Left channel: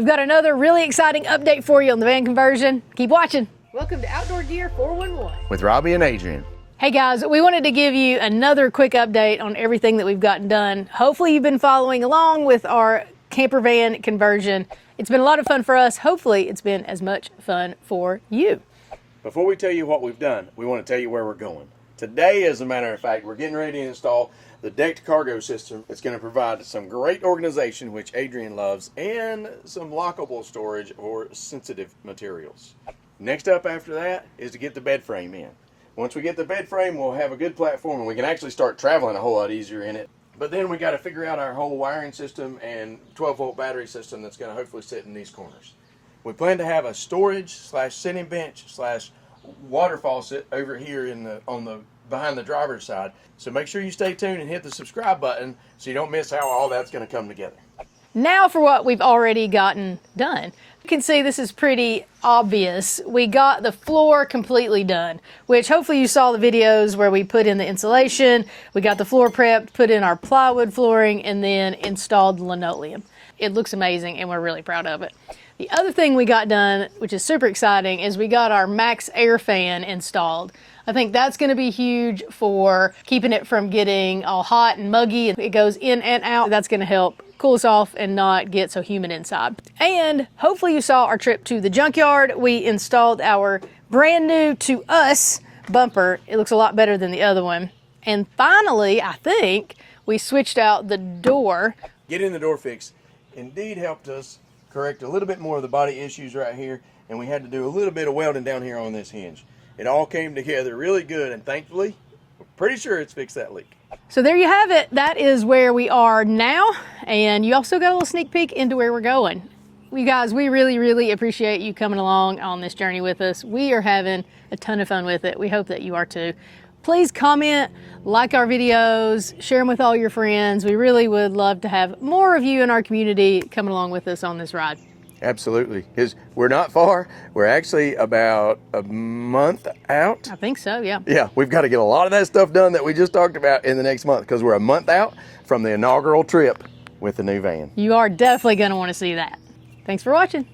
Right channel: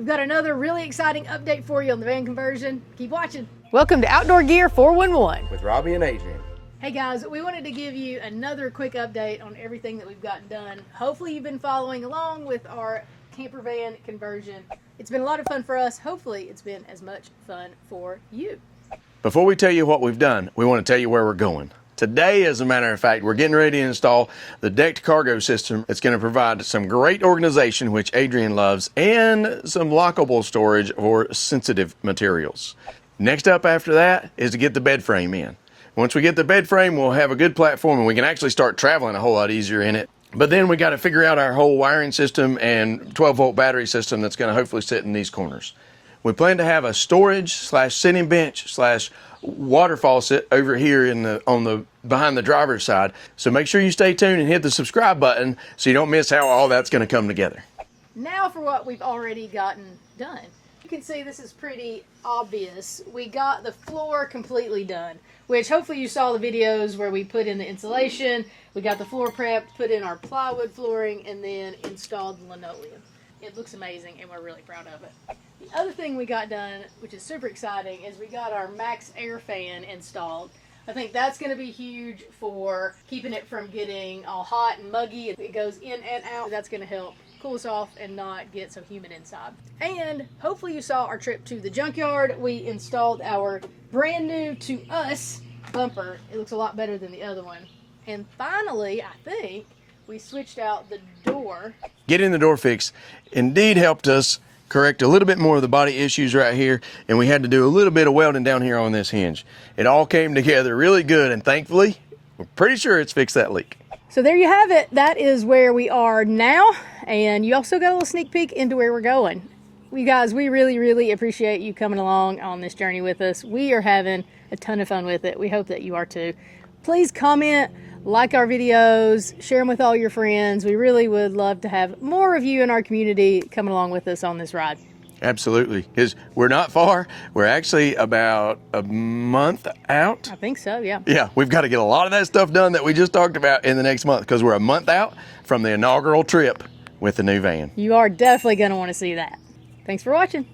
We've got another really exciting update for you on the van conversion. Keep watching. Welcome to Outdoor Gear 411 with Robbie and Adrian. Hey guys, we wanted to give you another quick update on everything that we've gotten done. Hopefully you've been following along with our camper van conversion. It's been a lot of fun for us. Hopefully it's been as much fun for you. Before we tell you what we've done, we want to tell you where we're going. Today, as a matter of fact, we're getting ready to install the decked cargo system. It's going to provide some great organization, which Adrian loves, and some lockable storage for sensitive materials. Next up after that is to get the bed frame in. Once we get the bed frame, we'll have a good platform and we can actually start traveling a whole lot easier in it. But then we got to figure out our whole wiring system and 12-volt battery system that's going to hopefully sit in these corners. We plan to have a storage / sitting bench / water faucet over here behind the driver's side. So make sure you stay tuned and hit the subscribe button so you don't miss how all that's going to come together. Now for what we've already gotten done. You can see this is pretty obvious. We got the floor completely done, which hopefully you saw the videos where we put in the insulation, we got the floor prepped, put in our plywood flooring, and then installed the linoleum. It looks amazing and we're really proud of it. The other thing we got done, which is super exciting, is we got our Max Air fan installed. I think that's going to be huge for keeping it from getting all hot and muggy. It goes in and out. That's going to help cool us off and not get so humid inside. And hopefully you saw our trip to the junkyard. We installed our brand new, to us, bumper. It looks a lot better than the other one. And finally, I think, we switched out the door. Getting the door fixed indeed helped us correct a little bit more of the body issues right here, and we had to do a little bit of welding down here on this hinge. It all came together really good, and thankfully, we're pretty sure it's fixed that leak. So there you have it. That is where we are now, and you also got a little sneak peek into where we're going. You guys, we really appreciate you coming along on this journey with us. We are having a ton of fun with it. We hope that you are too. Please comment, like our videos, share them with all your friends. We really would love to have more of you in our community coming along with us on this ride. Absolutely, because we're not far. We're actually about a month out. I think so, yeah. Yeah, we've got to get a lot of that stuff done that we just talked about in the next month, because we're a month out from the inaugural trip with the new van. You are definitely going to want to see that. Thanks for watching.